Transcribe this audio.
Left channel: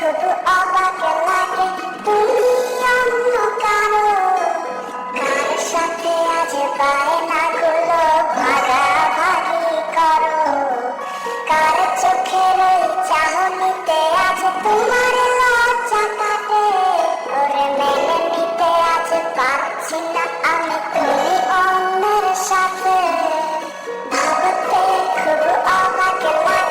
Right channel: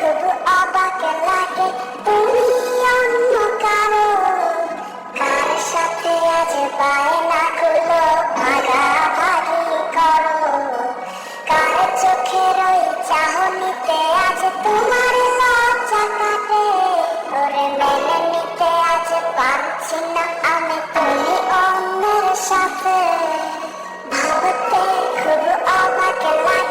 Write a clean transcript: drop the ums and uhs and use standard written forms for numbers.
খুব অবাক লাগে তুমি অন্য কারো, কার সাথে আজ বায়নাগুলো ভাগাভাগি করো, কার চোখের ওই চাহনিতে আজ তোমার লজ্জা কাটে। ওরে মেনে নিতে আজ পারছি না আমি তুমি অন্যের সাথে, ভাবতে খুব অবাক লাগে।